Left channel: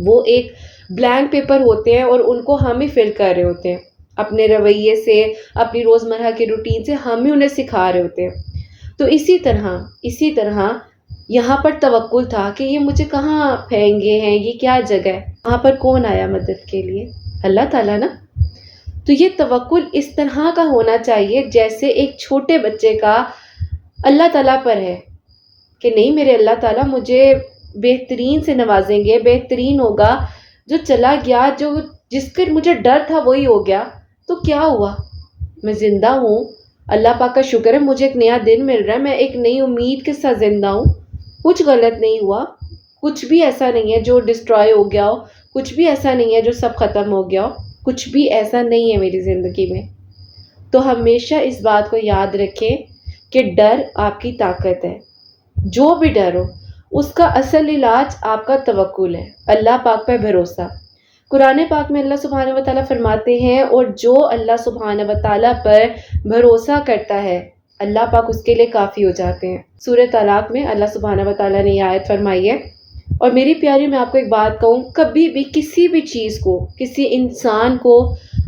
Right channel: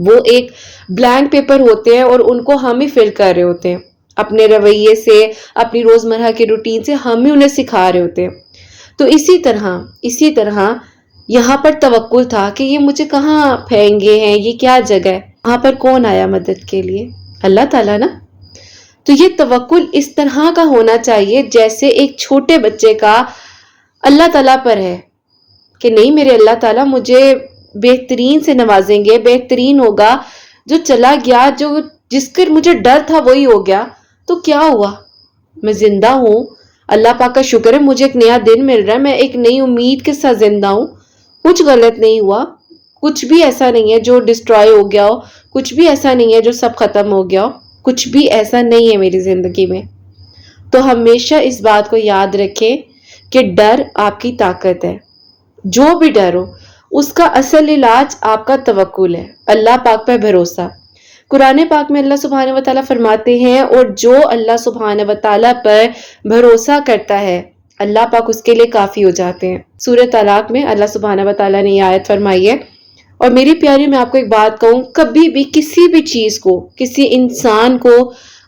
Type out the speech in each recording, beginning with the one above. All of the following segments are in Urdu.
وہ ایک بلینک پیپر ہوتے ہیں اور ان کو ہم ہی فل کر رہے ہوتے ہیں اپنے رویے سے، اپنی روزمرہ کی روٹین سے، ہم ہی انہیں سکھا رہے ہوتے ہیں۔ تو اسی طرح یہاں پر توکل تھا کہ یہ مجھے کہاں پھینگے ہیں، یہ کیا جگہ ہے، وہاں پر کون آیا مدد کے لیے؟ اللہ تعالیٰ نا۔ تو یہ توکل اس طرح کا ہونا چاہیے جیسے ایک چھوٹے بچے کا اللہ تعالیٰ پر ہے کہ نہیں، میرے اللہ تعالیٰ مجھے بہترین سے نوازیں گے، بہترین ہوگا، جو چلا گیا، جس کا مجھے ڈر تھا وہی ہو گیا، تو کیا ہوا؟ میں زندہ ہوں، اللہ پاک کا شکر ہے، مجھے ایک نیا دن مل رہا ہے، میں ایک نئی امید کے ساتھ زندہ ہوں، کچھ غلط نہیں ہوا، کچھ بھی ایسا نہیں ہے جو ڈسٹرائے ہو گیا ہو، کچھ بھی ایسا نہیں ہے جو سب ختم ہو گیا ہو، کچھ بھی ایسا نہیں ہے میری زندگی میں۔ تو ہمیشہ اس بات کو یاد رکھیں کہ ڈر آپ کی طاقت ہے، جو بھی ڈر ہو اس کا اصل علاج آپ کا توکل ہے، اللہ پاک پہ بھروسہ۔ قرآن پاک میں اللہ سبحانہ و تعالیٰ فرماتے ہیں، اور جو اللہ سبحانہ و تعالیٰ پر بھروسہ کرتا ہے اللہ پاک اس کے لیے کافی ہو جاتے ہیں۔ سورہ طلاق میں اللہ سبحانہ و تعالیٰ نے یہ آیت فرمائی ہے۔ اور میری پیاری، میں آپ کو ایک بات کہوں، کبھی بھی کسی بھی چیز کو، کسی انسان کو،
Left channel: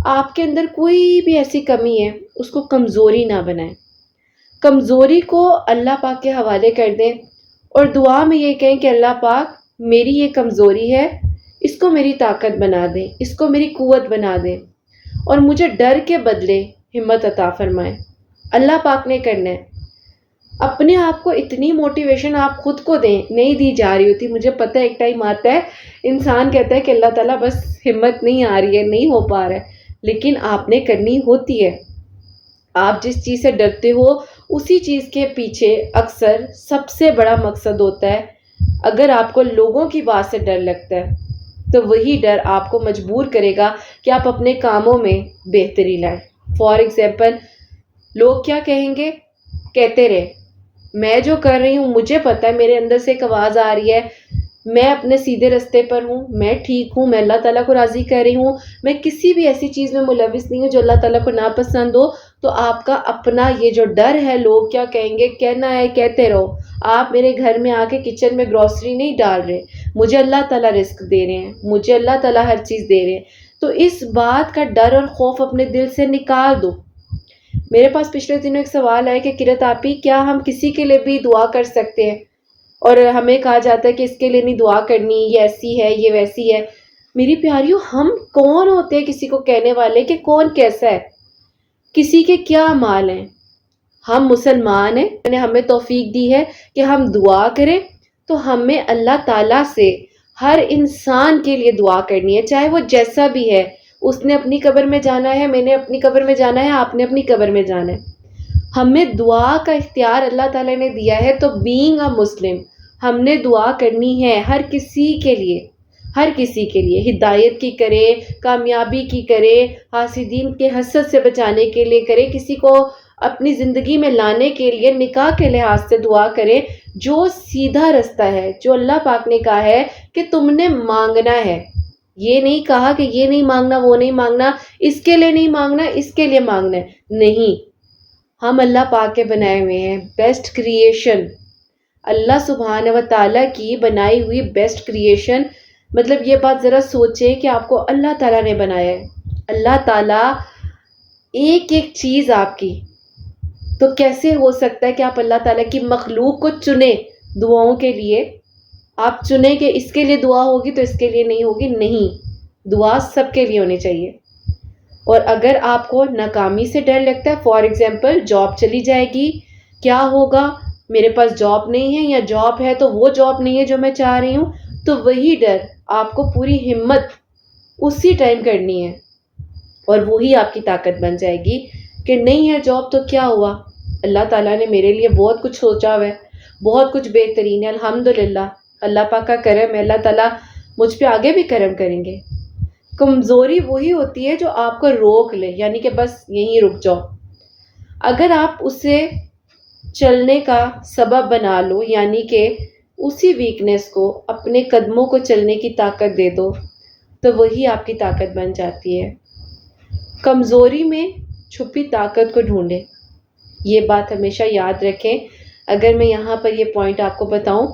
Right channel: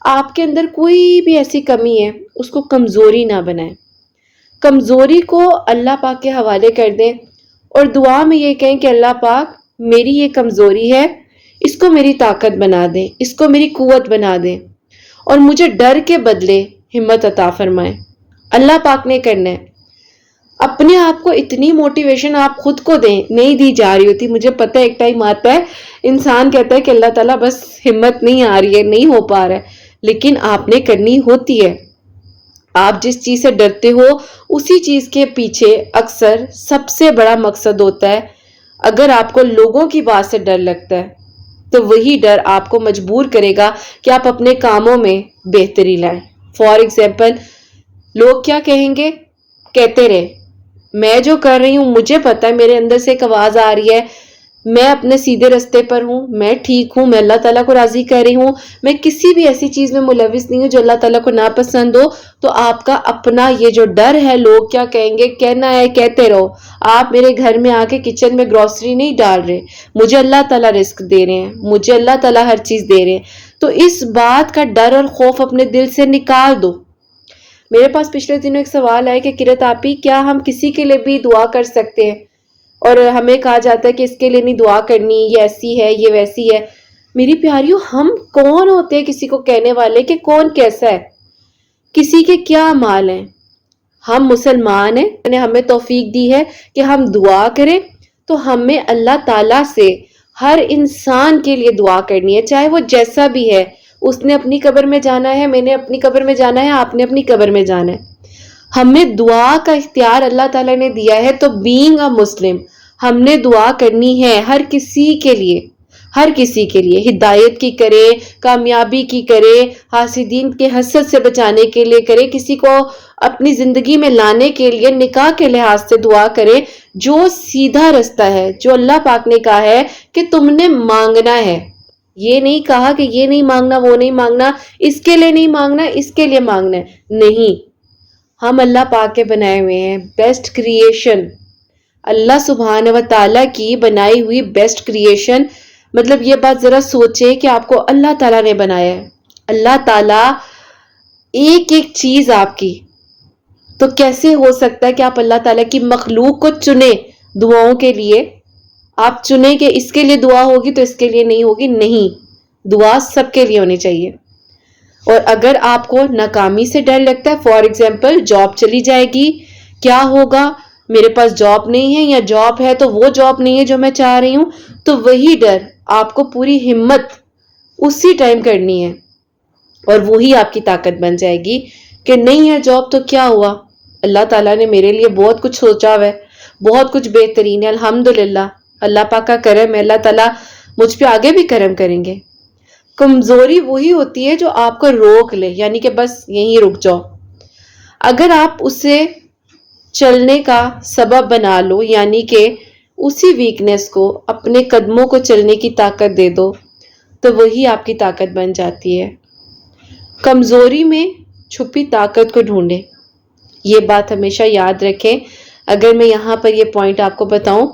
آپ کے اندر کوئی بھی ایسی کمی ہے اس کو کمزوری نہ بنائیں، کمزوری کو اللہ پاک کے حوالے کر دیں اور دعا میں یہ کہیں کہ اللہ پاک میری یہ کمزوری ہے، اس کو میری طاقت بنا دیں، اس کو میری قوت بنا دیں، اور مجھے ڈر کے بدلے ہمت عطا فرمائیں۔ اللہ پاک نے کرنا ہے۔ اپنے آپ کو اتنی موٹیویشن آپ خود کو دیں، نہیں دی جا رہی ہوتی، مجھے پتہ ہے ایک ٹائم آتا ہے انسان کہتا ہے کہ اللہ تعالیٰ بس ہمت نہیں آ رہی ہے، نہیں ہو پا رہا ہے، لیکن آپ نے کرنی ہوتی ہے۔ آپ جس چیز سے ڈرتے ہو اسی چیز کے پیچھے اکثر سب سے بڑا مقصد ہوتا ہے۔ اگر آپ کو لوگوں کی بات سے ڈر لگتا ہے تو وہی ڈر آپ کو مجبور کرے گا کہ آپ اپنے کاموں میں بہتری لائیں۔ فار ایگزامپل، لوگ کیا کہیں گے؟ کہتے رہے، میں جو کر رہی ہوں مجھے پتا ہے، میرے اندر سے ایک آواز آ رہی ہے، میں اپنے سیدھے رستے پر ہوں، میں ٹھیک ہوں، میں اللہ تعالیٰ کو راضی کر رہی ہوں، میں کسی بھی ایسی چیز میں ملوث نہیں ہوں جو اللہ تعالیٰ کو ناپسند ہو۔ تو آپ کا اپنا یہ جو ڈر ہے لوگ کیا کہیں گے، کہنا ہے کہتے رہو، آپ میرے گھر میں آ کے کچن میں گروسری نہیں ڈال رہے، مجھے اللہ تعالیٰ رزق دے رہے ہیں، مجھے اللہ تعالیٰ ہر چیز دے رہے ہیں۔ تو اس بات کا ڈر اور خوف اپنے دل سے نکال دو۔ میرے پاس پچھلے دنوں ایک سوال ہے کہ کرت آپی، کیا ہم کسی کے لیے بھی دعا کر سکتے ہیں؟ اور ہمیں کہا جاتا ہے کہ اس کے لیے نہیں دعا کرنی، یہ ایسی ہے، یہ ویسی ہے۔ میری پیاریوں، ہم کون ہوتے ہیں کسی کو کہنے والے کہ کون کیسا ہے، کسی کے کیا اعمال ہیں؟ ہم مسلمان ہیں، نے ہمیں توفیق دی ہے کہ ہم دعا کریں، تو ہمیں اللہ تعالیٰ سے ہر انسان کے لیے دعا کرنی ہے، چاہے وہ جیسا بھی ہے۔ اس نے اپنی قبر میں جانا ہے، میں نے اپنی قبر میں جانا ہے، آپ نے اپنی قبر میں جانا ہے۔ ہمیں دعا کا اختیار اللہ تعالیٰ نے دیا ہے، تو بینگ اے مسلم ہم نے دعا کرنی ہے ہر کسی کے لیے، ہر کسی کے لیے، ہدایت کی کرے، کامیابی کی کرے، حاسدین کے حسد سے بچانے کے لیے کرے، کسی کو اپنی زندگی میں لانے کے لیے نکاح کے لحاظ سے دعا کرے، جو سیدھا رستہ ہے، جو اللہ پاک نے کہا ہے کہ تم نے مانگنا ہے۔ یہ نہیں کہا کہ یہ نہیں مانگنا، وہ نہیں مانگنا، اس کے لیے نہیں مانگنا، اس کے لیے مانگنا ہے، نہیں۔ ہم اللہ پاک کے بنائے ہوئے ہیں، بیسٹ کریشن، اللہ سبحانہ و تعالیٰ کی بنائی ہوئی بیسٹ کریشن۔ مطلب یہ بات ذرا سوچیں کہ آپ کو اللہ تعالیٰ نے بنایا ہے، اللہ تعالیٰ ایک ایک چیز آپ کی، تو کیسے ہو سکتا ہے کہ آپ اللہ تعالیٰ کی مخلوق کو چنیں دعاؤں کے لیے؟ آپ چنیں کہ اس کے لیے دعا ہوگی تو اس کے لیے نہیں ہوگی، نہیں، دعا سب کے لیے ہونی چاہیے۔ اور اگر آپ کو ناکامی سے ڈر لگتا ہے، فار ایگزامپل جاب چلی جائے گی، کیا ہوگا، میرے پاس جاب نہیں ہے، یا جاب ہے تو وہ جاب نہیں ہے جو میں چاہ رہی ہوں، تو وہی ڈر آپ کو پوری ہمت اسی ٹائم کرنی ہے، اور وہی آپ کی طاقت بن جائے گی کہ نہیں ہے جاب تو کیا ہوا، اللہ تعالیٰ نے میرے لیے بہت کچھ سوچا ہوا ہے، بہت کچھ بہترین ہے، الحمدللہ، اللہ پاک کا کرم ہے، اللہ تعالیٰ مجھ پہ آگے بھی کرم کریں گے۔ کمزوری وہی ہوتی ہے جو آپ کو روک لے، یعنی کہ بس یہیں رک جاؤ۔ اگر آپ اسے چلنے کا سبب بنا لو، یعنی کہ اسی ویکنس کو اپنے قدموں کو چلنے کی طاقت دے دو، تو وہی آپ کی طاقت بن جاتی ہے۔ کمزوری میں چھپی طاقت کو ڈھونڈیں، یہ بات ہمیشہ یاد رکھیں۔ اگر میں یہاں پر یہ پوائنٹ آپ کو بتاؤں،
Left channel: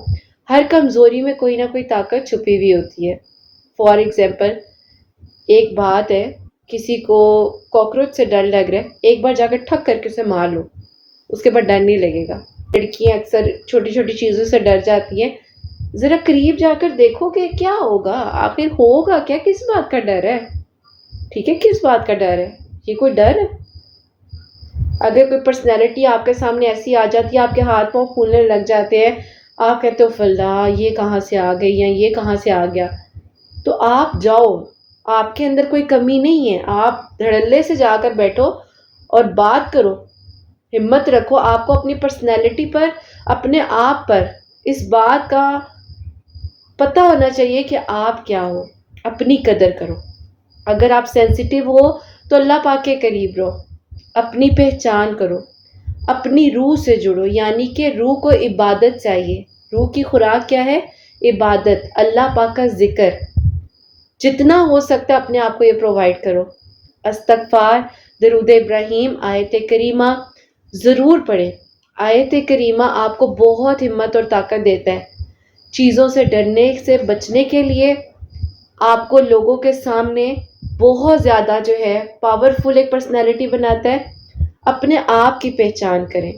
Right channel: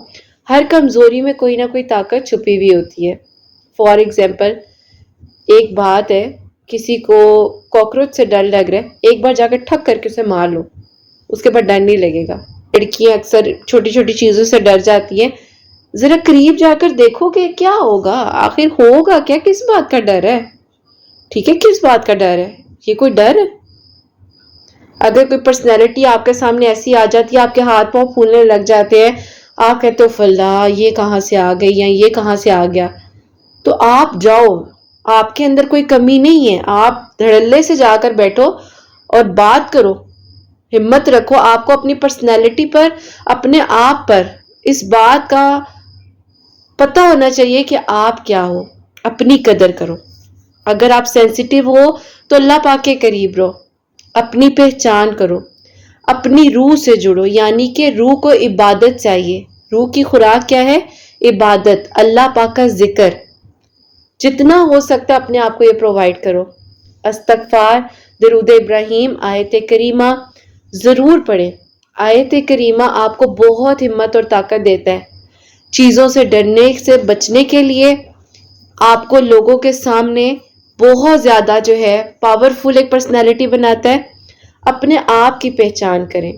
ہر کمزوری میں کوئی نہ کوئی طاقت چھپی ہوئی ہوتی ہے۔ فار ایگزامپل ایک بات ہے، کسی کو کاکروچ سے ڈر لگ رہا ہے، ایک بار جا کے ٹھک کر کے اسے مار لو، اس کے بعد ڈر نہیں لگے گا۔ لڑکیاں اکثر چھوٹی چھوٹی چیزوں سے ڈر جاتی ہیں، ذرا قریب جا کر دیکھو کہ کیا ہوگا، آخر ہوگا کیا، کس بات کا ڈر ہے؟ ٹھیک ہے، کس بات کا ڈر ہے؟ یہ کوئی ڈر ہے؟ اگر کوئی پرسنالٹی آپ کے سامنے ایسی آ جاتی ہے، آپ کے ہاتھ پاؤں پھولنے لگ جاتے ہیں، آپ کہتے ہو فلا یہ کہاں سے آ گئی یا یہ کہاں سے آ گیا، تو آپ جاؤ، آپ کے اندر کوئی کمی نہیں ہے، آپ دھڑلے سے جا کر بیٹھو اور بات کرو، ہمت رکھو، آپ کو اپنی پرسنالٹی پر، اپنے آپ پر اس بات کا پتہ ہونا چاہیے کہ آپ کیا ہو، اپنی قدر کرو۔ اگر آپ سینسیٹیو ہو تو اللہ پاک کے قریب رہو، اپنی پہچان کرو، اپنی روح سے جڑو، یعنی کہ روح کو عبادت چاہیے۔ روح کی خوراک کیا ہے؟ عبادت، اللہ پاک کا ذکر، جتنا ہو سکتا ہے اپنے آپ کو یہ پرووائڈ کرو۔ استغفار، درود ابراہیم، آیت کریمہ ضرور پڑھیں۔ آیت کریمہ آپ کو بہت ہمت اور طاقت دیتا ہے، چیزوں سے ڈرنے سے بچنے کے لیے، آپ کو لوگوں کے سامنے بہت زیادہ جو ہے پاورفل ایک پرسنالٹی بناتا ہے۔ اپنے آپ کی پہچان کریں،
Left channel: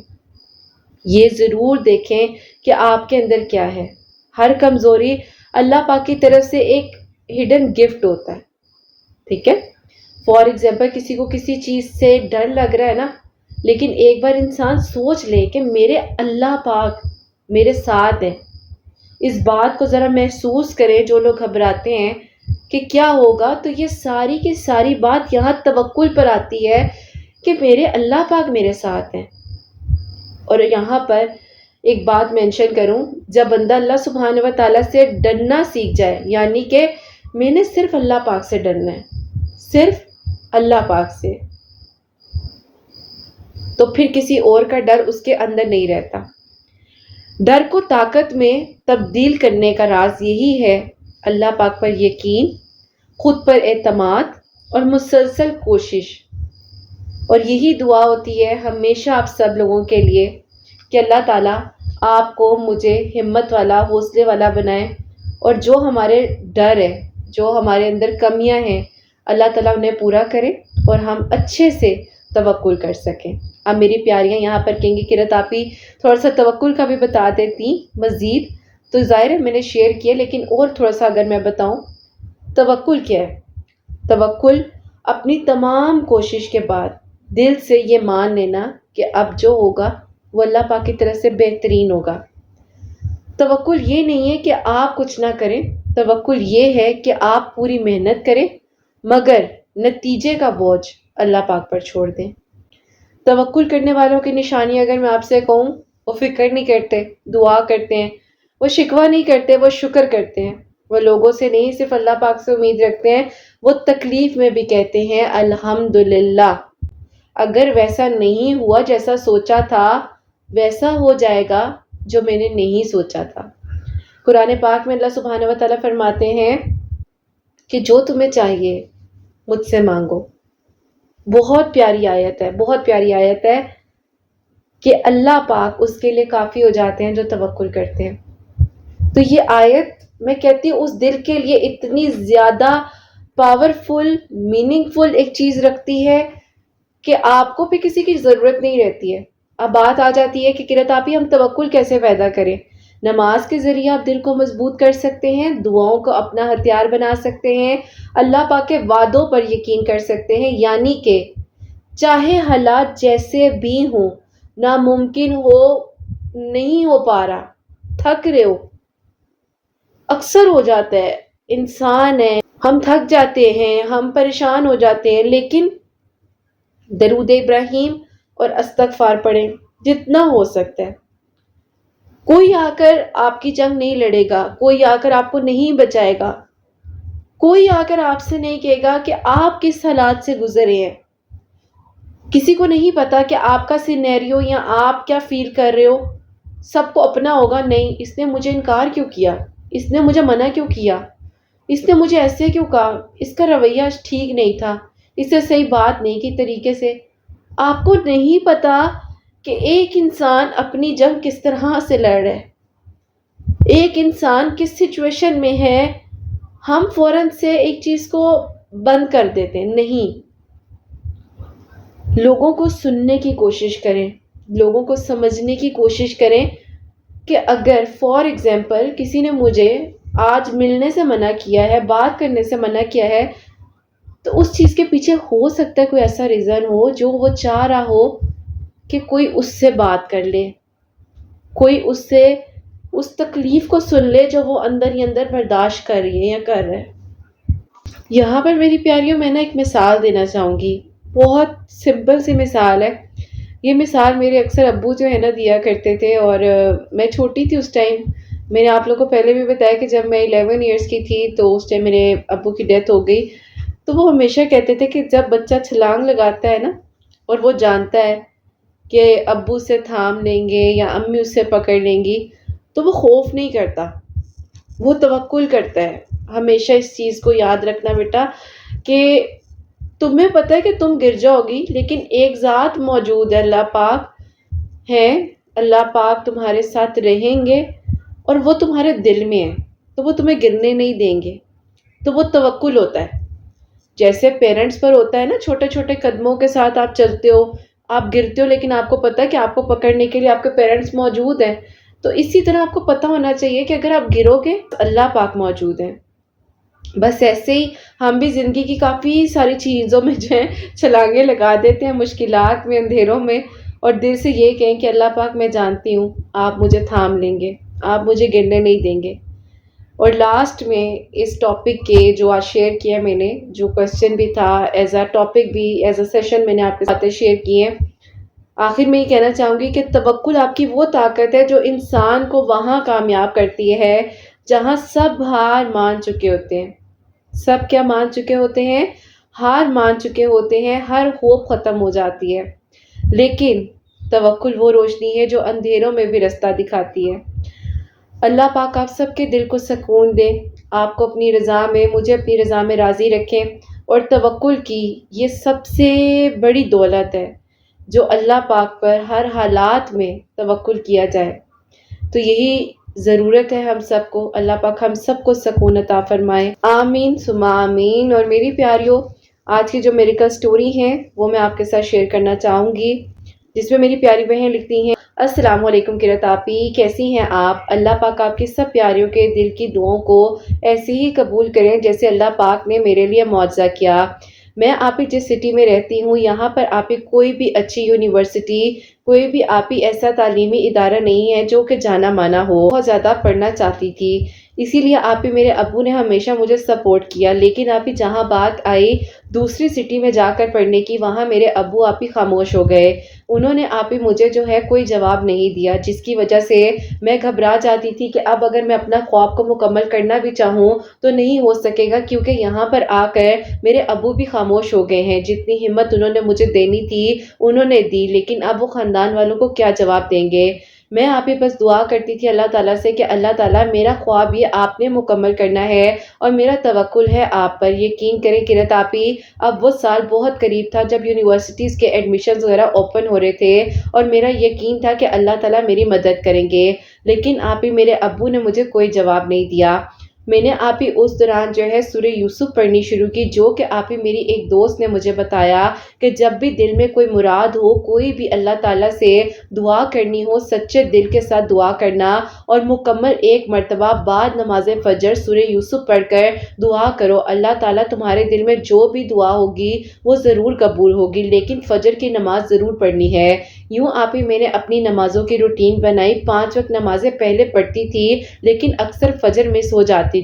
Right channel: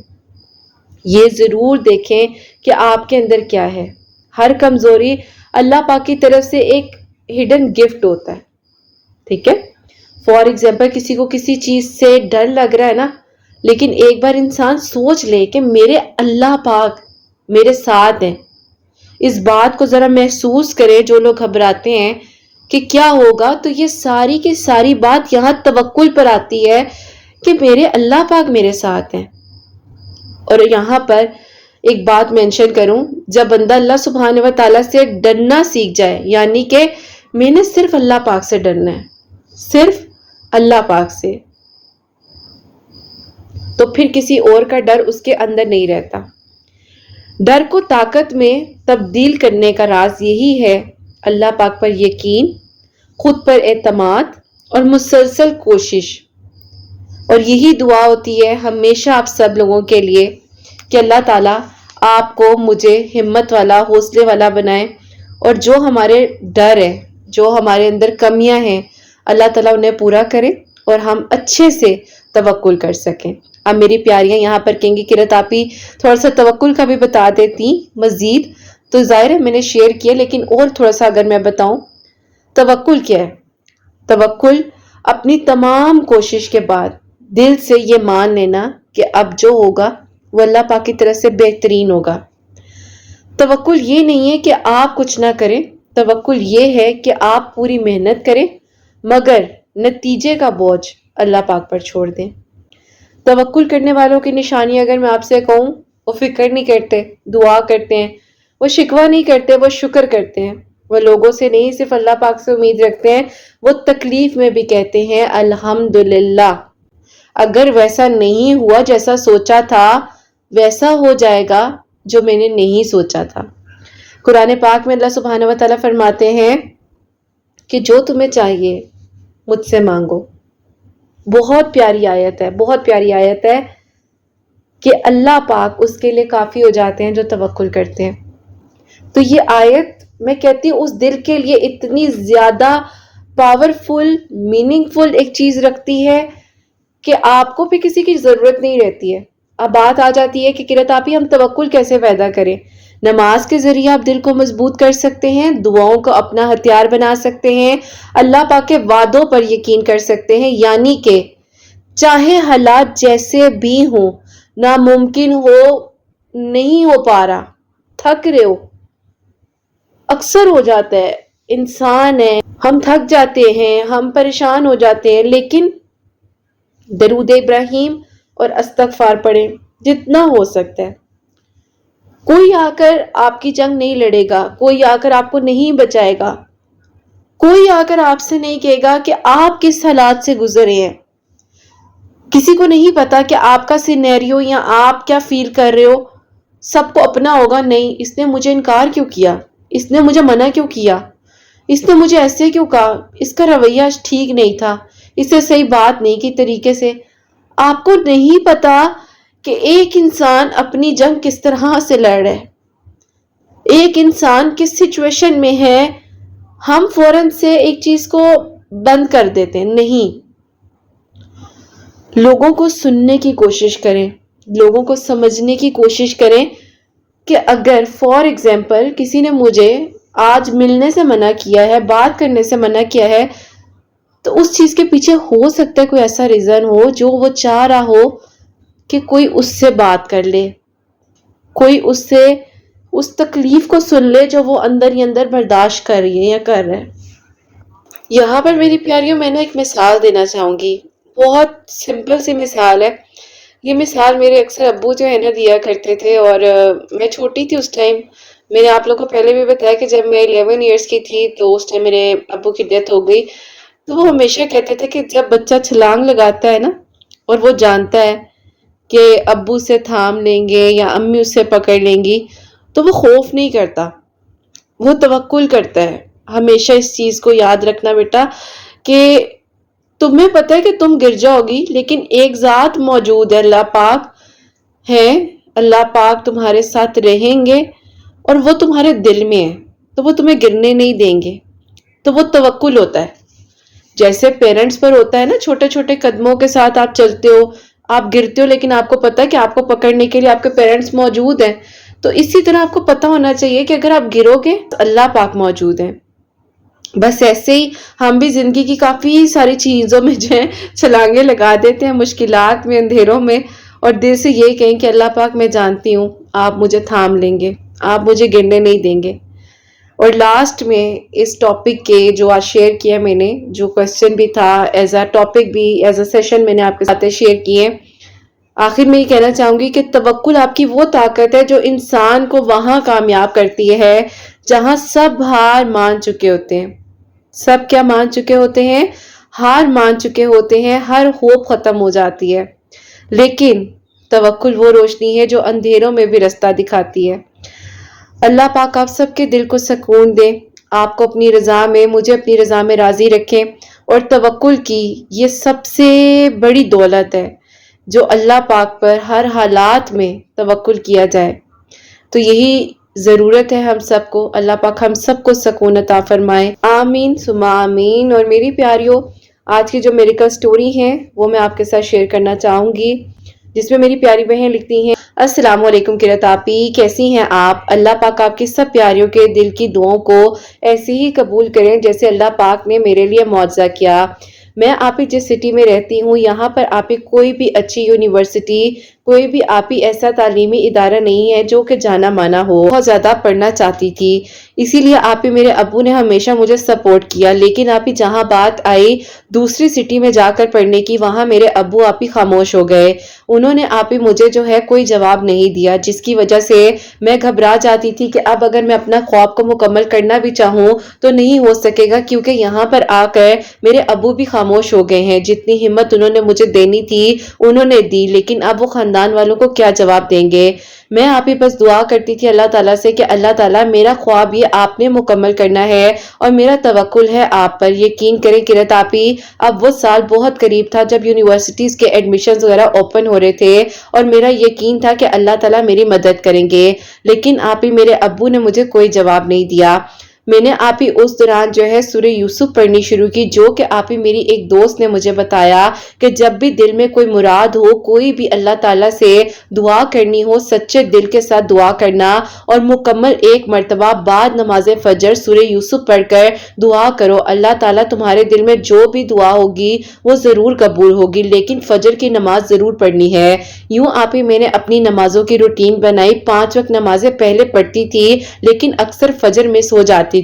یہ ضرور دیکھیں کہ آپ کے اندر کیا ہے۔ ہر کمزوری اللہ پاک کی طرف سے ایک ہڈن گفٹ ہوتا ہے، ٹھیک ہے؟ فار ایگزامپل کسی کو کسی چیز سے ڈر لگ رہا ہے نا، لیکن ایک بار انسان سوچ لے کہ میرے اللہ پاک میرے ساتھ ہیں، اس بات کو ذرا محسوس کرے۔ جو لوگ گھبراتے ہیں کہ کیا ہوگا، تو یہ ساری کی ساری بات یہاں توکل پر آتی ہے کہ میرے اللہ پاک میرے ساتھ ہیں۔ اور یہاں پر ایک بات مینشن کروں، جب بندہ اللہ سبحانہ و تعالیٰ سے ڈرنا سیکھ جائے، یعنی کہ میں نے صرف اللہ پاک سے ڈرنا ہے، صرف اللہ پاک سے، تو پھر کسی اور کا ڈر اس کے اندر نہیں رہتا۔ ڈر کو طاقت میں تبدیل کرنے کا راز یہی ہے، اللہ پاک پر یقین، خود پر اعتماد اور مسلسل کوشش۔ اور یہی دعا ہوتی ہے ہمیشہ آپ سب لوگوں کے لیے کہ اللہ تعالیٰ آپ کو، مجھے ہمت والا، حوصلے والا بنائے، اور جو ہمارے ڈر ہے، جو ہمارے اندر کمیاں ہیں، اللہ تعالیٰ انہیں پورا کرے اور ہم اچھے سے توکل کر سکیں۔ اب میری پیاریاں یہاں پر کہیں گی کہ آپی تھوڑا سا توکل کا بھی بتا دیتی مزید، تو ظاہر ہے میں نے شیئر کیا، لیکن اور تھوڑا سا اگر میں بتاؤں، توکل کیا ہے؟ توکل اپنی تمام کوشش کے بعد دل سے یہ مان لینا کہ اب جو ہوگا وہ اللہ پاک کی طرف سے بہترین ہوگا۔ توکل یہ نہیں ہے کہ آپ کچھ نہ کریں، توکل یہ ہے کہ آپ پوری محنت کریں مگر نتیجے کا بوجھ اللہ پاک پر چھوڑ دیں۔ توکل کرنے والوں کی نشانی اگر میں آپ سے کہوں، وہ فکر نہیں کرتے، دعا کرتے ہیں، وہ شکوہ نہیں کرتے، وہ شکر کرتے ہیں، وہ لوگوں سے نہیں صرف اللہ پاک سے امید رکھتے ہیں، وہ تکلیف میں بھی کہتے ہیں الحمدللہ۔ اگر ویسا نہیں ہوا جیسا سوچا تھا، ویسا ہو جائے گا جو میں نے نہیں سوچا تھا۔ قرآن پاک میں اللہ سبحانہ و تعالیٰ فرماتے ہیں کہ جو تمہیں چاہیے مجھ سے مانگو۔ بہت پیاری آیت ہے، بہت پیاری آیت ہے کہ اللہ پاک اس کے لیے کافی ہو جاتے ہیں جو توکل کرتے ہیں۔ تو یہ آیت میں کہتی ہوں اس دل کے لیے اتنی زیادہ پاورفل، میننگ فل ایک چیز رکھتی ہے کہ آپ کو بھی کسی کی ضرورت نہیں رہتی ہے۔ اب بات آ جاتی ہے کہ قرۃ آپی ہم توکل کیسے پیدا کریں؟ نماز کے ذریعے آپ دل کو مضبوط کر سکتے ہیں، دعاؤں کو اپنا ہتھیار بنا سکتے ہیں، اللہ پاک کے وعدوں پر یقین کر سکتے ہیں، یعنی کہ چاہے حالات جیسے بھی ہوں، ناممکن ہو، نہیں ہو پا رہا، تھک رہے ہو، اکثر ہو جاتا ہے، انسان ہے، ہم تھک جاتے ہیں، ہم پریشان ہو جاتے ہیں، لیکن درود ابراہیم اور استغفار پڑھیں جتنا ہو سکتا ہے۔ کوئی آ کر آپ کی جنگ نہیں لڑے گا، کوئی آ کر آپ کو نہیں بچائے گا، کوئی آ کر آپ سے نہیں کہے گا کہ آپ کس حالات سے گزرے ہیں۔ کسی کو نہیں پتا کہ آپ کا سینیریو یا آپ کیا فیل کر رہے ہو، سب کو اپنا ہوگا، نہیں اس نے مجھے انکار کیوں کیا، اس نے مجھے منع کیوں کیا، اس نے مجھے ایسے کیوں کہا، اس کا رویہ ٹھیک نہیں تھا، اس سے صحیح بات نہیں کی طریقے سے۔ آپ کو نہیں پتا کہ ایک انسان اپنی جنگ کس طرح سے لڑ رہا ہے، ایک انسان کس سچویشن میں ہے ہم فوراً سے ایک چیز کو بند کر دیتے ہیں. نہیں، لوگوں کو سننے کی کوشش کریں، لوگوں کو سمجھنے کی کوشش کریں کہ اگر فار ایگزامپل کسی نے مجھے آج ملنے سے منع کیا ہے، بات کرنے سے منع کیا ہے، تو اس چیز کے پیچھے ہو سکتا ہے کوئی ایسا ریزن ہو جو وہ چاہ رہا ہو کہ کوئی اس سے بات کر لے، کوئی اس سے اس تکلیف کو سن لے جو وہ اندر ہی اندر برداشت کر رہی ہے یا کر رہا ہے. یہاں پر میری پیاریوں میں ایک مثال دینا چاہوں گی، بہت سمپل سی مثال ہے. یہ مثال میرے اکثر ابو جو ہے نا دیا کرتے تھے، اور میں چھوٹی تھی اس ٹائم. میں نے آپ لوگوں کو پہلے بھی بتایا کہ جب میں 11 ایئرس کی تھی تو اس ٹائم میرے ابو کی ڈیتھ ہو گئی. تو وہ ہمیشہ کہتے تھے کہ جب بچہ چھلانگ لگاتا ہے نا اور وہ جانتا ہے کہ ابو سے تھام لیں گے یا امی اس سے پکڑ لیں گی، تو وہ خوف نہیں کرتا، وہ توکل کرتا ہے. ہمیشہ اس چیز کو یاد رکھنا بیٹا کہ تمہیں پتہ ہے کہ تم گر جاؤ گی، لیکن ایک ذات موجود ہے، اللہ پاک ہے، اللہ پاک تمہارے ساتھ رہیں گے اور وہ تمہارے دل میں ہے، تو وہ تمہیں گرنے نہیں دیں گے. تو وہ توکل ہوتا ہے. جیسے پیرنٹس پر ہوتا ہے نا، چھوٹے چھوٹے قدموں کے ساتھ آپ چلتے ہو، آپ گرتے ہو لیکن آپ کو پتا ہے کہ آپ کو پکڑنے کے لیے آپ کے پیرنٹس موجود ہیں. تو اسی طرح آپ کو پتا ہونا چاہیے کہ اگر آپ گرو گے تو اللہ پاک موجود ہے. بس ایسے ہی ہم بھی زندگی کی کافی ساری چیزوں میں جو ہے چھلانگیں لگا دیتے ہیں، مشکلات میں، اندھیروں میں، اور دل سے یہ کہیں کہ اللہ پاک میں جانتی ہوں آپ مجھے تھام لیں گے، آپ مجھے گرنے نہیں دیں گے. اور لاسٹ میں اس ٹاپک کے جو آج شیئر کیا میں نے، جو کوشچن بھی تھا ایز اے ٹاپک بھی ایز اے سیشن میں نے آپ کے ساتھ شیئر کیے. آخر میں یہ کہنا چاہوں گی کہ توکل آپ کی وہ طاقت ہے جو انسان کو وہاں کامیاب کرتی ہے جہاں سب ہار مان چکے ہوتے ہیں. سب کیا مان چکے ہوتے ہیں؟ ہار مان چکے ہوتے ہیں، ہر ہوپ ختم ہو جاتی ہے. لیکن توکل وہ روشنی ہے جو اندھیروں میں بھی رستہ دکھاتی ہے. اللہ پاک آپ سب کے دل کو سکون دے، آپ کو اپنی رضا میں، مجھے اپنی رضا میں راضی رکھیں. اور توکل کی یہ سب سے بڑی دولت ہے جو اللہ پاک پر ہر حالات میں توکل کیا جائے. تو یہی ضرورت ہے ہم سب کو. اللہ پاک ہم سب کو سکون عطا فرمائے، آمین ثم آمین. اور میری پیاریوں، آج کی جو میریکل سٹوری ہے وہ میں آپ کے ساتھ شیئر کرنا چاہوں گی، جس میں میری پیاری بہن لکھتی ہیں: السلام علیکم قرۃ آپی، کیسی ہیں آپ؟ اللہ پاک آپ کی سب پیاریوں کے دل کی دعاؤں کو ایسے ہی قبول کریں جیسے اللہ پاک نے میرے لیے معجزہ کیا. میں آپ ہی جس سٹی میں رہتی ہوں، یہاں پر آپ ہی کوئی بھی اچھی یونیورسٹی، کوئی بھی آپ ہی ایسا تعلیمی ادارہ نہیں ہے جو کہ جانا مانا ہو. بہت زیادہ پڑھنا چاہتی تھی، اسی لیے آپ ہی میرے ابو نے ہمیشہ مجھے سپورٹ کیا. لیکن آپ ہی جہاں بات آئی دوسری سٹی میں جا کر پڑھنے کی، وہاں میرے ابو آپ ہی خاموش ہو گئے. انہوں نے آپ ہی مجھے جو ہے کوئی جواب نہیں دیا، جس کی وجہ سے میں گھبرا جاتی تھی کہ اب اگر میں اپنا خواب کو مکمل کرنا بھی چاہوں تو نہیں ہو سکے گا، کیونکہ یہاں پر آ کر میرے ابو بھی خاموش ہو گئے ہیں. جتنی ہمت انہوں نے مجھے دینی تھی انہوں نے دی، لیکن اب وہ خاندان والوں کو کیا جواب دیں گے. میں آپ ہی بس دعا کرتی تھی اللہ تعالیٰ سے کہ اللہ تعالیٰ میرا خواب یہ آپ نے مکمل کرنا ہے اور میرا توکل ہے آپ پر. یقین کریں قرۃ آپی، اب وہ سال بہت قریب تھا جب یونیورسٹیز کے ایڈمیشنز وغیرہ اوپن ہو رہے تھے، اور میرا یقین تھا کہ اللہ تعالیٰ میری مدد کریں گے. لیکن آپ ہی میرے ابو نے مجھے کوئی جواب نہیں دیا. میں نے آپ ہی اس دوران جو ہے سورہ یوسف پڑھنی شروع کی، جو کہ آپ ہی میری ایک دوست نے مجھے بتایا کہ جب بھی دل میں کوئی مراد ہو، کوئی بھی اللہ تعالیٰ سے دعا کرنی ہو، سچے دل کے ساتھ دعا کرنا اور مکمل ایک مرتبہ بعد نماز فجر سورہ یوسف پڑھ کر دعا کرو. اللہ تعالیٰ تمہارے دل میں جو بھی دعا ہوگی وہ ضرور قبول ہوگی، لیکن فجر کی نماز ضرور پڑھنی ہے. یوں آپ ہی میں نے اپنی نمازوں کی روٹین بنائی. 5 وقت نمازیں پہلے پڑھتی تھی لیکن اکثر فجر میں سو جاتی تھی.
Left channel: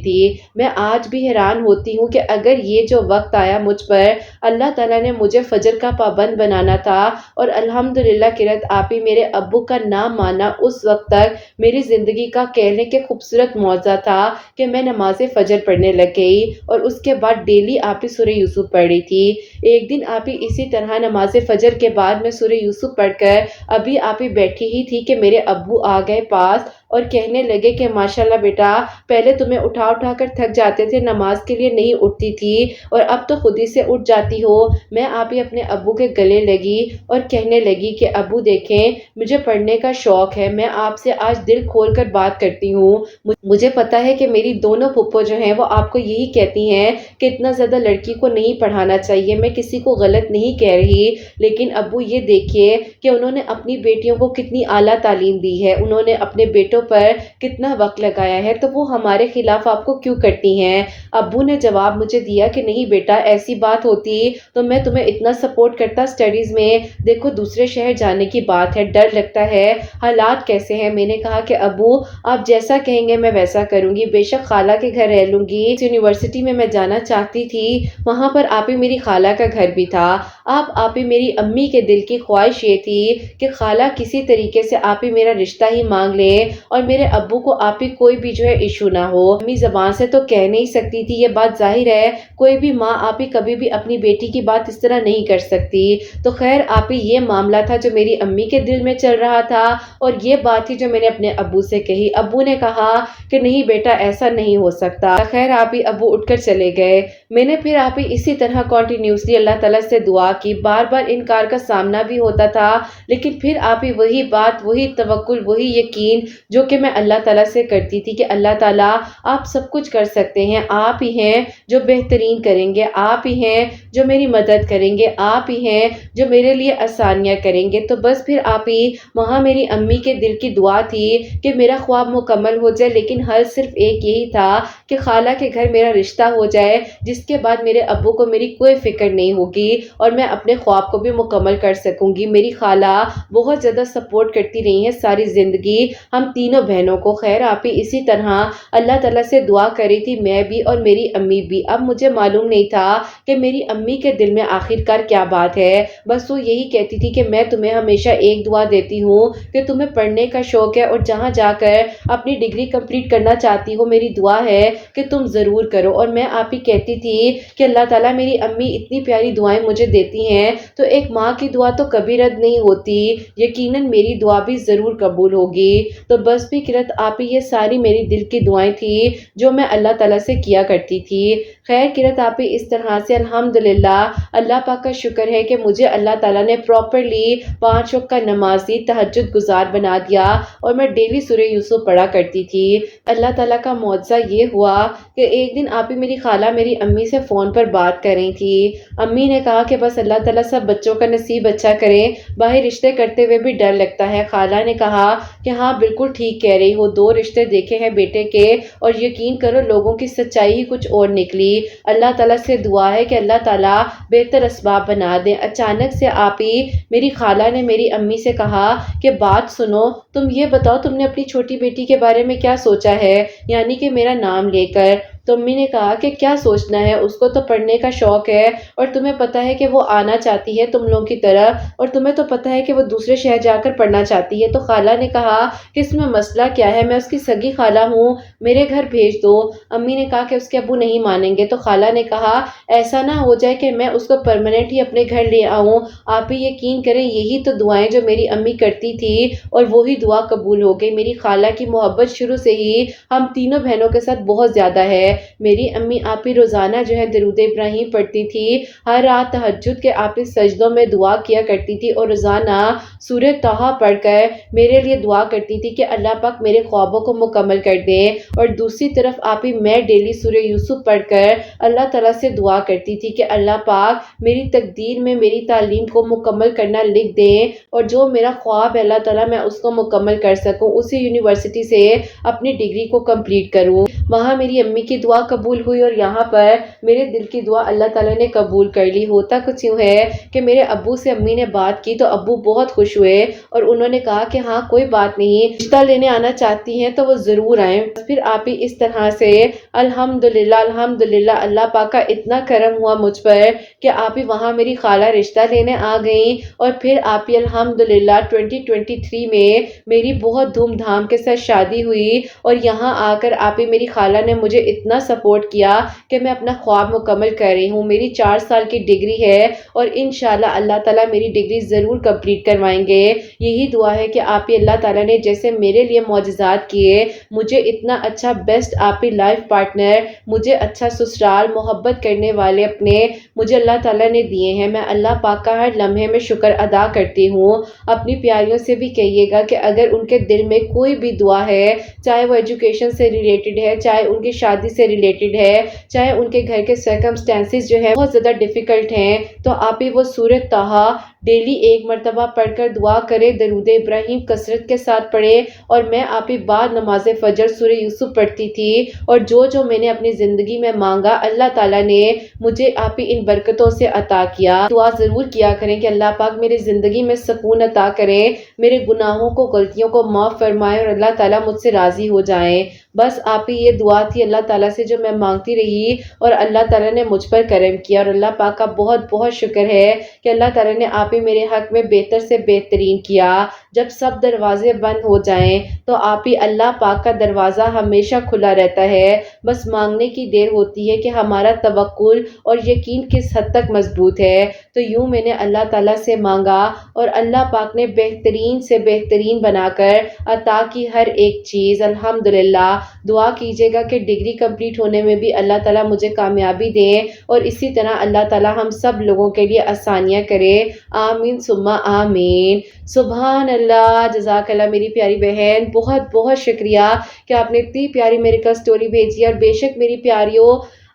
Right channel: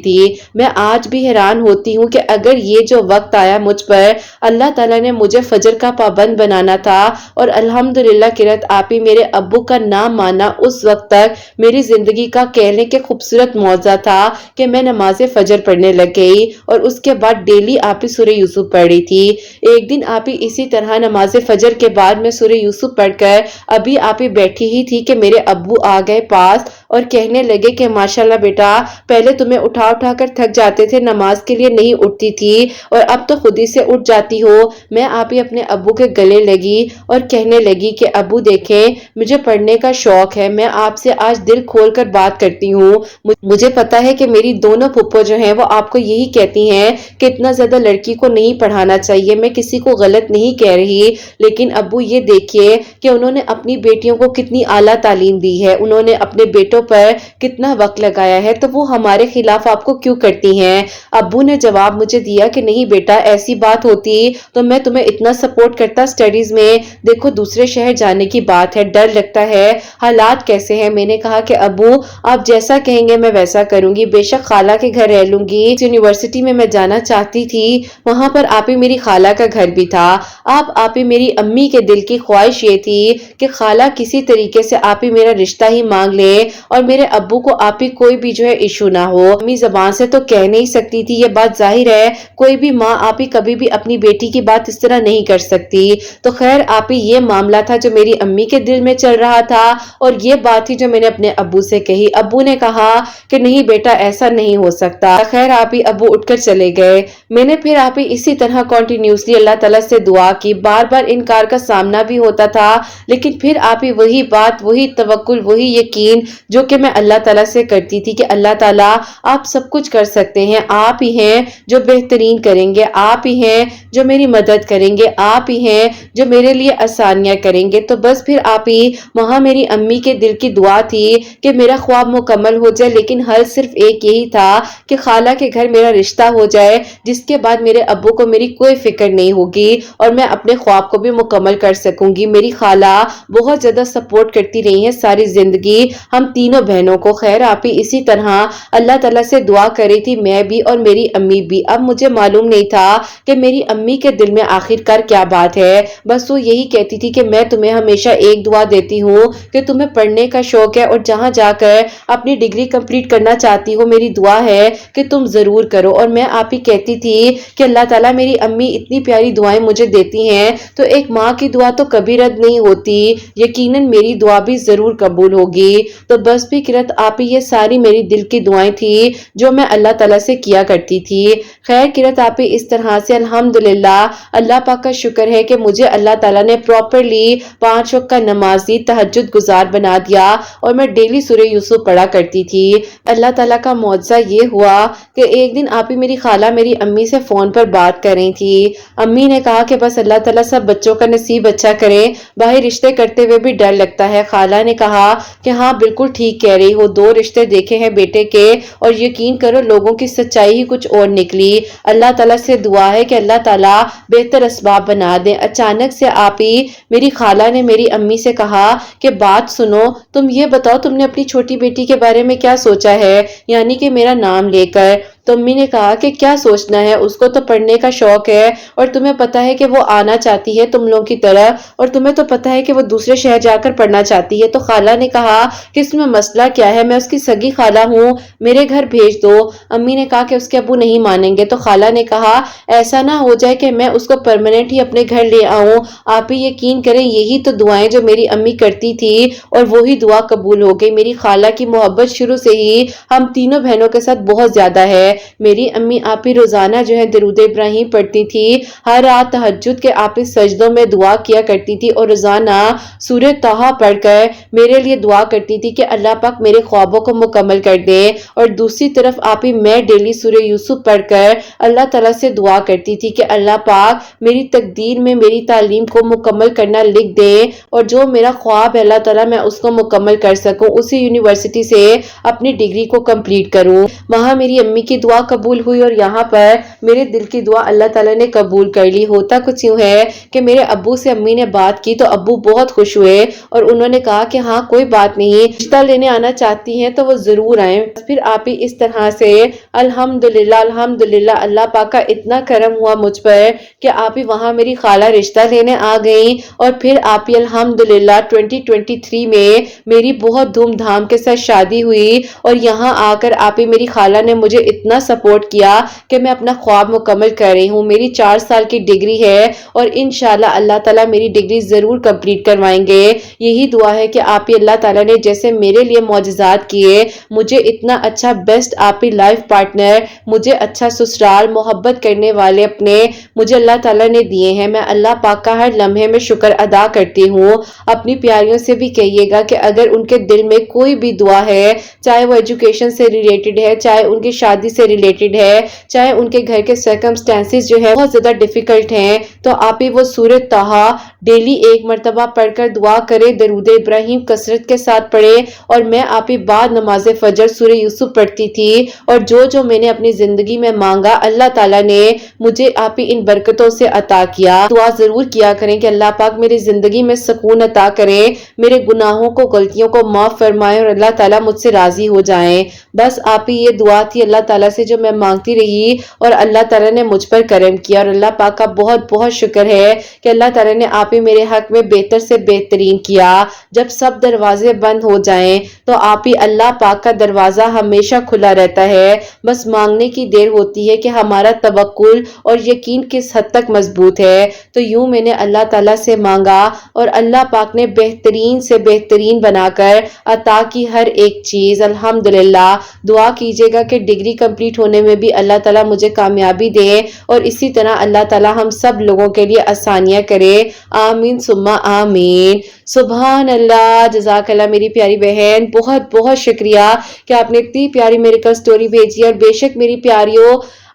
میں آج بھی حیران ہوتی ہوں کہ اگر یہ جو وقت آیا مجھ پر، اللہ تعالیٰ نے مجھے فجر کا پابند بنانا تھا. اور الحمدللہ قرۃ آپ ہی میرے ابو کا نام ماننا اس وقت تک میری زندگی کا کہہ لیں کہ خوبصورت معجزہ تھا کہ میں نماز فجر پڑھنے لگ گئی اور اس کے بعد ڈیلی آپ ہی سورہ یوسف پڑھ رہی تھی. ایک دن آپ ہی اسی طرح نماز فجر کے بعد میں سورہ یوسف پڑھ کر ابھی آپ ہی بیٹھی ہی تھی کہ میرے ابو آ گئے پاس اور کہنے لگے کہ ماشاءاللہ بیٹا، پہلے تمہیں اٹھا اٹھا کر تھک جاتے تھے، نماز کے لیے نہیں اٹھتی تھی اور اب تو خود ہی سے اٹھ جاتی ہو۔ میں آپ ہی اپنے ابو کے گلے لگی اور کہنے لگی کہ ابو دیکھیں، مجھے پڑھنے کا شوق ہے، میں آپ سے آج دل کھول کر بات کرتی ہوں۔ مجھے پتا ہے کہ میری دونوں پھپھو جو ہیں وہ آپ کو یہی کہتی ہیں کہ اتنا زیادہ لڑکی کو نہیں پڑھانا چاہیے، میں کسی کو غلط نہیں کہہ رہی، لیکن ابو یہ دیکھیے کہ انہوں نے اپنی بیٹیوں کو کتنی اعلیٰ تعلیم دی ہے، انہوں نے اپنے بیٹوں پر کتنا وقت لگایا ہے، تو وہ ہمارے خلاف آپ کو کیوں کرتی ہیں؟ ابو نے جواب مجھے دیا کہ نہیں بیٹا، ایسی بات ہوتی تو میں تمہیں اتنا سپورٹ کرتا سٹڈیز میں، دیکھو دوسرے شہر جانے کی بات ہے، ڈر لگتا ہے، حالات کیسے ہیں۔ میں نے کہا کہ ابو آپ جیسا کہیں گے میں ویسا کروں گی، بے شک خالہ کے گھر رہ لوں گی، یونیورسٹی میں جانا چاہتی تھی، وہاں پر آپ ہی میری خالہ کا گھر بھی تھا، آپ ہی میری امی کے دل کی خواہش یہ تھی کہ خالہ کسی طریقے سے آپ ہی میرا رشتہ ہی مانگ لے اور میرے ابو کو آپ ہی کوئی بھی جو ہے ایشو نہ ہو۔ امی زبان سے تو کہہ نہیں سکتی تھی، یہ بات ظاہر ہے کوئی بھی ماں آپ ہی کبھی بھی اپنی بیٹی کی بات اس طرح نہیں کر سکتی، تو خیر آپ ہی یہ معاملہ تھا جو میری امی کے دل میں چل رہا تھا اور یہ بات تھی جو میں نے اپنے ابو سے کہی۔ ابو نے کہا کہ نہیں بیٹا ایسا نہیں ہو سکتا، خیر آپ ہی ابو اٹھ کر چلے گئے۔ میں نے پھر آپ ہی اسی طرح کنٹینیوسلی اللہ تعالیٰ سے دعا کی، بار بار انکار کا سامنا بھی ہوتا تھا، لیکن پھر آپ ہی وہی بات، وہی توکل، وہی یقین جو کہ میں اللہ تعالیٰ سے کرتی تھی کہ اللہ تعالیٰ آپ سب کچھ کر سکتے ہیں، آپ ہی ہیں جو بہترین کریں گے، آپ ہی ہیں جو میری مدد کریں گے، آپ ہی ہیں جو میرے لیے آسانیاں کریں گے۔ تو بس پھر آپ ہی وہاں میری امی کے دل کی دعا تھی کہ میرا خواب مکمل ہو جائے، لیکن حل صرف ایک یہی تھا کہ خالہ کے گھر میرا رشتہ ہو جائے، جس کے بعد میرے ابو کو میری کوئی فکر نہیں ہوگی اور میں اپنے خواب کو بھی مکمل کر سکوں گی۔ میری خالہ بہت زیادہ سپورٹ کرتی رہی ہیں ساری زندگی ہم تینوں بہنوں کو۔ خیر آپ ہی اسی طرح اللہ تعالیٰ سے دعا کر رہی تھی میں بھی اور میری امی بھی۔ اب مجھے معلوم نہیں تھا کہ میری امی کے دل میں آخر کار کیا بات ہے، بس وہ یہی کہتی تھی کہ میں تمہیں ہمیشہ ایک دعا دیتی ہوں کہ تمہیں پڑھنے کا شوق ہے اور جہاں جا کر اپنی ڈگری کمپلیٹ کرنا چاہتی ہو، میری دعا ہے کہ تم ضرور کرو۔ اور میں آپ ہی کہتی تھی کہ اللہ تعالیٰ میری امی اتنی پیاری دعائیں مجھے دیتی ہیں تو ایک ماں کی دعا تو کبھی رد نہیں ہوتی، یقیناً میری دعا بھی ضرور قبول ہوگی۔ تو بس بھی کرت آپ ہی یہ ساری میری دل کی دعائیں تھی جو میں اللہ تعالیٰ سے کیا کرتی تھی۔ خیر کرت آپ ہی اس طرح سے الحمدللہ اللہ پاک کا شکر ہے کہ مجھے اللہ تعالیٰ نے پراپرلی 5 وقت کا نمازی تہجد گزار بنا دیا اور میں ڈیلی سورہ یوسف پڑھا کرتی تھی۔ اللہ تعالیٰ کا معجزہ یہ ہوا کہ ایک دن آپ ہی میری خالہ میری امی سے فون پر بات کر رہی تھی۔ امی نے کہا کہ بس اللہ تعالیٰ سب بچوں کا نصیب اچھا کرے، باہر رشتے کرتے ہوئے بھی ڈر لگتا ہے۔ خالہ نے کہا کہ ہاں بالکل ٹھیک کہہ رہی ہو، 2 رشتے دیکھے ہیں بیٹے کے اور یقین کرو لوگوں کی سچائی ہی کچھ اور نکلی۔ اللہ تعالیٰ سے دعا ہے کہ اللہ تعالیٰ بہتر اسباب بنا دیں۔ اچانک سے آپ ہی میری خالہ نے میری امی سے کہا کہ بات سنو، تم یہ بتاؤ تم نے اپنی چھوٹی بیٹی کے بارے میں کیا سوچا ہے، یعنی کہ میرا نام لے کر۔ تو امی نے کہا کہ کیا سوچنا ہے، اس کو تو پڑھنے کا شوق ہے اور تمہیں پتا ہے کہ وہ آنا چاہتی ہے تم لوگوں کی طرح، اور تمہیں تو پتا ہے کہ وہ دوسرے شہر جا کر پڑھنا چاہتی ہے۔ تو خالہ نے کہا کہ اس میں مسئلہ کیا ہے، میں اس کی سگی خالہ ہوں، میرے گھر بھیج دو۔ امی نے کہا کہ اس کے ابو نہیں مانیں گے۔ تو خالہ نے کہا ایسا نہ ہو جائے کہ میں اس کو پرماننٹ ہی اپنے گھر لے آؤں، آپ ہی یقین کریں یہی تو دعائیں جو میری امی کرتی تھی اور وہی دعا قبول ہو گئی۔ میری خالہ کی محبت شروع سے ہی ہم تینوں بہنوں کے ساتھ بہت زیادہ ہے۔ میری امی آپ ہی روزانہ جو ہے درود ابراہیم پڑھتی تھی، ہر رات تہجد کے آپ ہی سجدوں میں دعا کیا کرتی تھی اور روزانہ سورہ طٰہٰ پڑھ کر میرے لیے دعا کرتی تھی کہ اللہ پاک میرے خوابوں کو مکمل کر دے، اور دوسری طرف آپ ہی میں ڈیلی سورہ یوسف پڑھ کر اللہ تعالیٰ سے دعا کرتی تھی کہ اللہ پاک میری تقدیر میں میری تعلیم کو مکمل کرنا لکھ دے اور جو میرا خواب ہے اللہ تعالیٰ میں اس کو مکمل کر سکوں، اسی یونیورسٹی سے اپنی ڈگری کو کمپلیٹ کروں۔ وہاں میری امی کی دعا قبول ہوئی اور یہاں پر میرے دل کی دعا اللہ تعالیٰ نے قبول کر لی۔ ہوتا کچھ یوں ہے کہ میرے ابو سے امی نے بات کی تو ابو بہت خوش ہوئے اور انہوں نے کہا کہ ہاں کوئی بات نہیں، رشتہ لینے آنا چاہتی ہیں تو وہ ضرور آئیں۔ پھر آپ ہی اس طرح سے الحمدللہ اللہ پاک کا اتنا کرم ہوا مجھ پر کہ آپ ہی وہاں میری خالہ رشتہ لینے آ گئیں، اور پھر آپ ہی الحمدللہ 2023 میں میری بہت دھوم دھام کے ساتھ شادی ہوئی، اور یہاں آ کر آپ ہی میری خالہ نے مجھے اتنا اتنا سپورٹ کیا کہ میں اپنا خواب مکمل کر رہی ہوں. میری 4 سال کی ڈگری ہے اور انشاءاللہ اللہ تعالیٰ میری ڈگری ضرور کمپلیٹ کروائیں گے. یہی دعا ہے کہ آپ ہی اللہ تعالیٰ نے جیسے میرے لیے معجزات کیے, مجھے اتنا اچھا بیسٹ آپ ہی لائف پارٹنر, مجھے اچھا سسرال, محبت کرنے والے اپنے مجھے اللہ تعالیٰ نے دیے ہیں. میں اللہ پاک کا ہر لمحے میں شکر ادا کرتی ہوں. اپنی پیاریوں سے بھی کہیے گا کہ اگر ان کے دل میں کوئی بھی دعا ہے, چاہے وہ ایجوکیشن سے ریلیٹڈ ہے, چاہے ان کی شادی سے ریلیٹڈ ہے, چاہے ان کے گھر کے سرکمسٹانسز جو ہے بہت زیادہ ڈیفیکلٹ ہیں, تو آپ ہی وہ سورۃ طٰہٰ ڈیلی 1 مرتبہ پڑھ کر دعا کرے, درود ابراہیم کثرت کے ساتھ پڑھے. اور میں آپ ہی بعد نماز فجر سورہ یوسف پڑھتی تھی, اور جو میں نے اپنی زندگی میں مانگا اللہ تعالیٰ نے مجھے آپ ہی ان برکتوں سے عطا کیا. دعا ضرور کیا کریں کہ اللہ پاک میری زندگی میں سکون عطا کرے, میرے گناہوں کو غلطیوں کو معاف فرمائے اور اللہ تعالیٰ مجھ سے راضی ہو جائیں. بس آپ ہی یہ دعا تھی اللہ تعالیٰ سے جو میں مانگتی رہی, اور اللہ تعالیٰ نے مجھ پر کرم کیا. اور اللہ پاک کا بہت بہت شکر ہے کہ اللہ تعالیٰ نے آپ ہی میرے حق میں بہتر سے بہترین کیا. جب سب دروازے بند ہو جائیں تو آپ ہی اللہ پاک کا دروازہ ہمیشہ کھلا رہتا ہے. بس مانگنے کی دیر ہوتی ہے کہ ہمارا توکل اور یقین کس حد تک مضبوط ہے. تو یوں میں نے اللہ تعالیٰ سے مانگا اور اللہ پاک نے بہترین سے بہترین بنا کر عطا کی ہر ایک چیز. الحمدللہ. دعا کیجیے گا کہ ڈگری کمپلیٹ ہونے میں بھی اللہ تعالیٰ مجھے کامیابی دے, اور اسی طرح اللہ تعالیٰ ہم سب لوگوں کے لیے آسانیاں کرے. آمین ثم آمین. سبحان اللہ. جزاک اللہ میری پیاری بہن, بہت بہت شکریہ کہ آپ نے اتنی پیاری میرے کو سٹوری بھیجی. اور بے شک میری پیاریوں,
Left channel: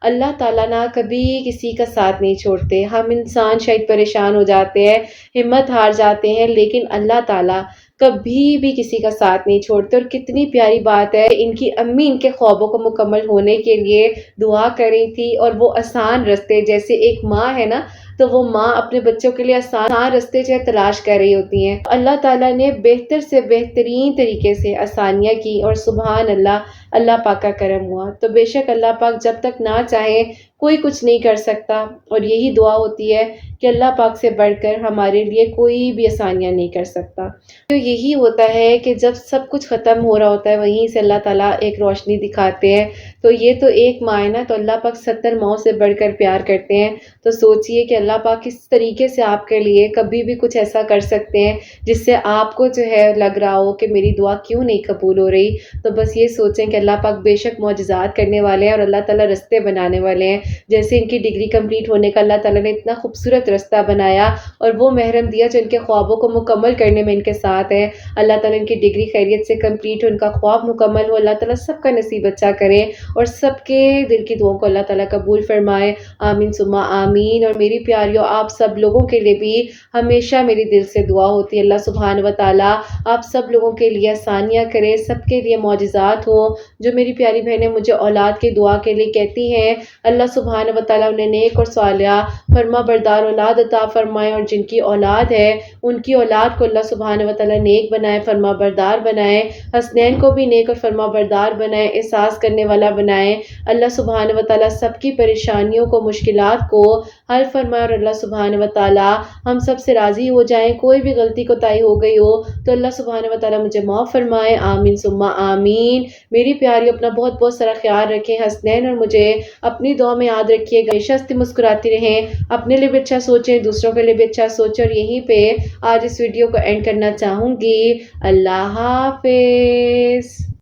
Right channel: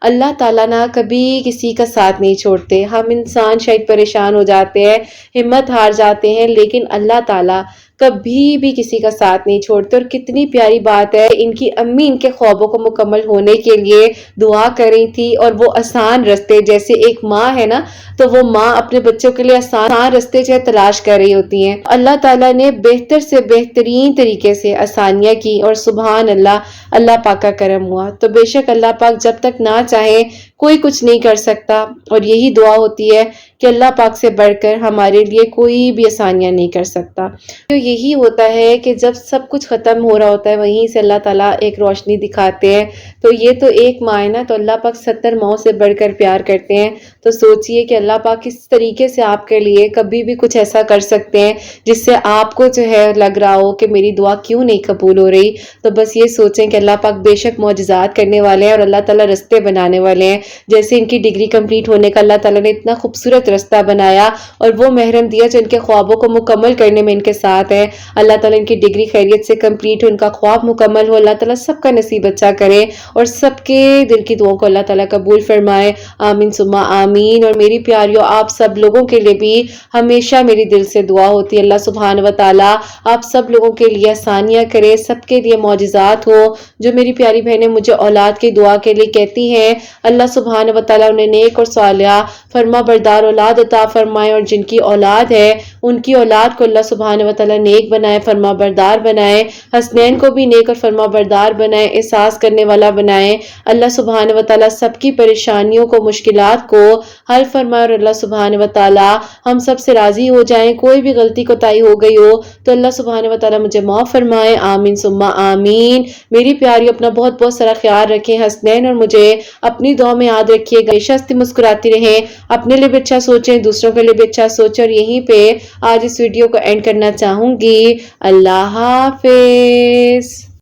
اللہ تعالیٰ نہ کبھی کسی کا ساتھ نہیں چھوڑتے. ہم انسان شاید پریشان ہو جاتے ہیں, ہمت ہار جاتے ہیں, لیکن اللہ تعالیٰ کبھی بھی کسی کا ساتھ نہیں چھوڑتے. اور کتنی پیاری بات ہے, ان کی امی ان کے خوابوں کو مکمل ہونے کے لیے دعا کر رہی تھی, اور وہ آسان رستے, جیسے ایک ماں ہے نا, تو وہ ماں اپنے بچوں کے لیے آسان رستے جو تلاش کر رہی ہوتی ہیں. اللہ تعالیٰ نے بہتر سے بہترین طریقے سے آسانیاں کی, اور سبحان اللہ, اللہ پاک کا کرم ہوا. تو بے شک اللہ پاک جب تک نہ چاہے کوئی کچھ نہیں کر سکتا. اور یہی دعا ہوتی ہے کہ اللہ پاک سے بڑھ کر ہمارے لیے کوئی بھی آسانیاں نہیں کر سکتا. تو یہی ہوتا ہے کہ جب سب کچھ ختم ہو رہا ہوتا ہے, وہیں سے اللہ تعالیٰ ایک روشنی دکھاتے ہیں. تو یہ تو ایک ماں ہے نا, تو اللہ پاک 70 ماؤں سے بڑھ کر پیار کرتے ہیں. تو سوچئے کہ اللہ پاک کس طریقے سے آپ کے لیے کبھی بھی کچھ ایسا کر سکتے ہیں جس سے آپ کو جو ہے لگ رہا ہو کہ میری دعا کیوں نہیں قبول ہو رہی. تو بس یہ سوچیں کہ اللہ پاک بے شک معجزات کرنے والے ہیں, اور اللہ تعالیٰ رستے بنانے والے ہیں. جیسے ان کی ڈگری کمپلیٹ ہونے کا اللہ تعالیٰ نے اتنا خوبصورت رستہ بنایا, اور وہ محرم دیا جو ان کے خوابوں کو مکمل کرنے میں ان کے ساتھ ہے. اللہ تعالیٰ ان کی ڈگری خیریت سے کمپلیٹ ہو, ان کا خواب مکمل ہو. اللہ تعالیٰ سب کا نصیب اچھا کرے, اور سب کے دل کی دعاؤں کو اللہ تعالیٰ قبول فرمائے. آمین ثم آمین. اور میری پیاریوں, آپ سب لوگوں کے لیے بھی ہمیشہ میری دل سے دعا ہوتی ہے, اللہ سبحانہ و تعالیٰ آپ سب لوگوں کے لیے آسانیاں کرے, سب کے لیے معجزات ہو. جو میری پیاری بہنیں مجھے اولاد کی دعا کے لیے کہتی ہیں, اللہ سبحانہ و تعالیٰ انہیں نیک اور صالحہ فرما بردار اولاد عطا فرمائے. اور جن کی اولاد ہے ان کی اولاد کو اللہ سبحانہ و تعالیٰ نیک بنائے, فرما بردار بنائے. حسنین کو بھی نیک اور فرما بردار بنائے, احساس کرنے والا بنائے. اللہ سبحانہ و تعالیٰ سب کی پریشانیوں کو, مشکلات کو حل فرمائے. اور اللہ سبحانہ و تعالیٰ ہم سب سے راضی ہو جائیں. کوئی بھی غلطی کوتاہی ہو گئی ہو تو اللہ سبحانہ و تعالیٰ مجھے معاف فرمائے. آمین ثم آمین. میری پیاری اپنا بہت بہت سارا خیال رکھیں. حسنین اور مجھے اپنی دعا میں یاد رکھیے گا. ہمیشہ مسکراتی رہیں, اپنے لیے بھی اچھا سوچیں, دوسروں کے لیے بھی اچھا سوچیں. اور یہیں پہ آج اس ویڈیو کو اینڈ کرنا چاہوں گی. اللہ حافظ.